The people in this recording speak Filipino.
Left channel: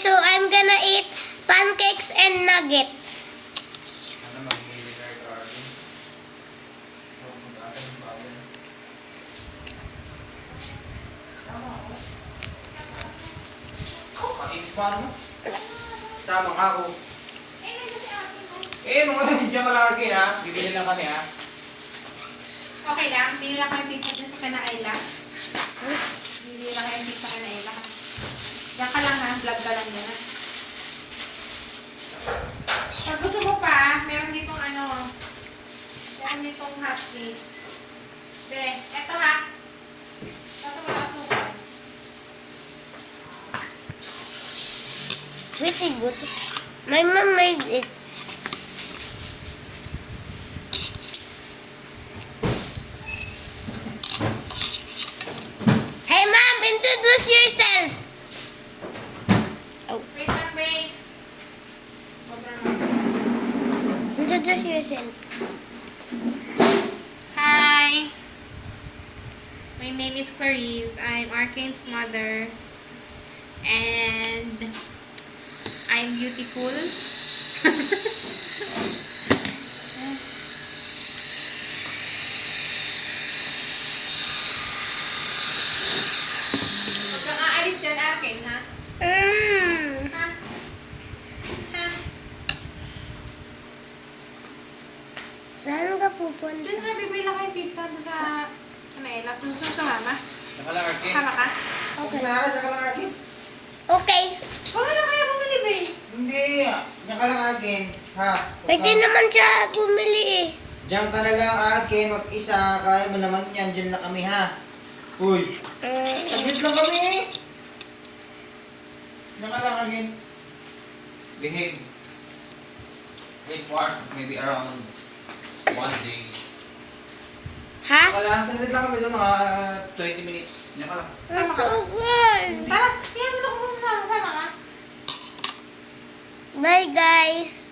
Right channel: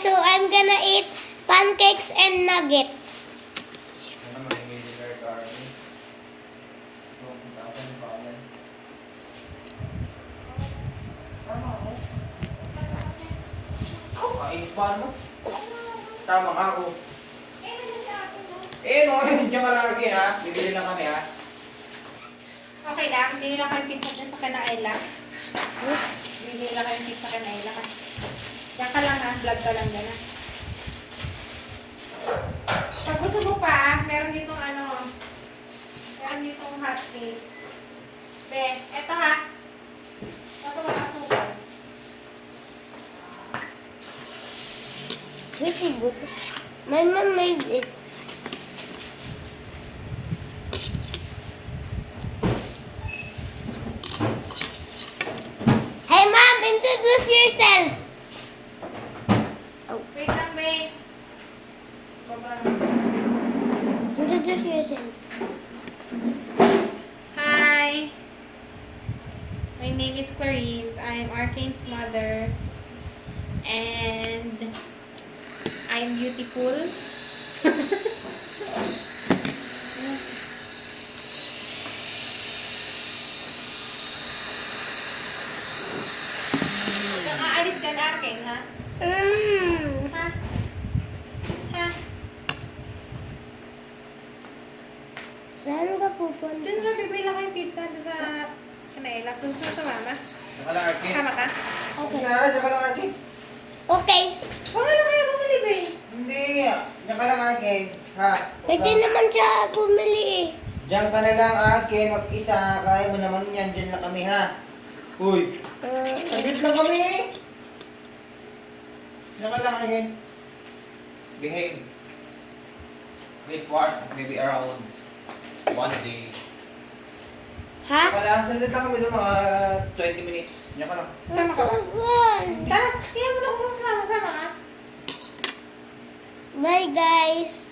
so I'm gonna eat pancakes and nuggets. Ano magiging kay Carly? Pupunta ka ng bayan. Tama ako. Kainit pa mo. Tama nga ako. Mga nandiyan ka lang, Arkin, ha? Bibili lang kami, ha? Okay lang, bili lang kami pizza dyan sa Kanaila. Bili lang kami pizza sa Kanaila. Diyan ka lang ha, vlog ka lang dyan ha. Pag gusto mo pa, meron ditong meron ditong hot cake. Then, eto ha. Eto wala asukal. Pretty good. My mom made it. Hey mom, introduce yourself. Wait lang, wait. Introduce yourself. Hi. My name is Clarice. I'm Arkane's mother. And I'm beautiful. Huwag kang aalis dyan, Arkane, ha? Ha? Ha? Saan ka Doon pupunta? na, bibili lang kayo pizza doon sa Kanaila. Susunod sa mama. Diyan ka lang, Arkin. Tama ka? Okay. Diyan ka lang, Arkin. Okay. Huwag ka na kaya bumili, babe. Hindi. Diyan ka lang, Arkin. Ha? Pwede naman siya bumili eh. Diyan ka na lang, Arkin. Mag-isa. Kaya mo naman yan. Diyan lang kami, ha? Uy. Saglit lang kami, eh. Diyan ka lang, Arkin. Behave. Wait for maybe around 1 day. Ha? Kailangan saglit lang kami doon, mga 20 minutes. Diyan ka lang. Tama ka. Tugan. Tara, kaya mo na kung sama ka. Bye guys.